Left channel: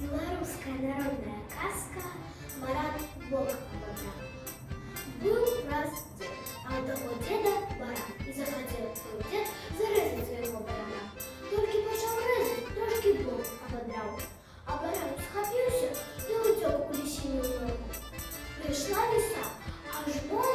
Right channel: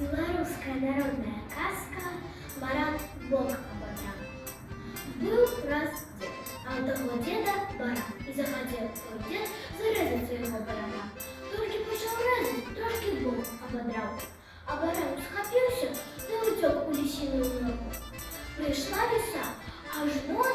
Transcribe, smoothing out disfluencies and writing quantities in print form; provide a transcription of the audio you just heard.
Белорусская народная сказка «Баран Бога ободрал». Был раз дед, а у того деда баран, и захотел твой дед зарезать своего барана. Только почал резать, трошки Бог ободрал. А баран схопился и утек у лисиную ногу. Пришла лиса, аж ноги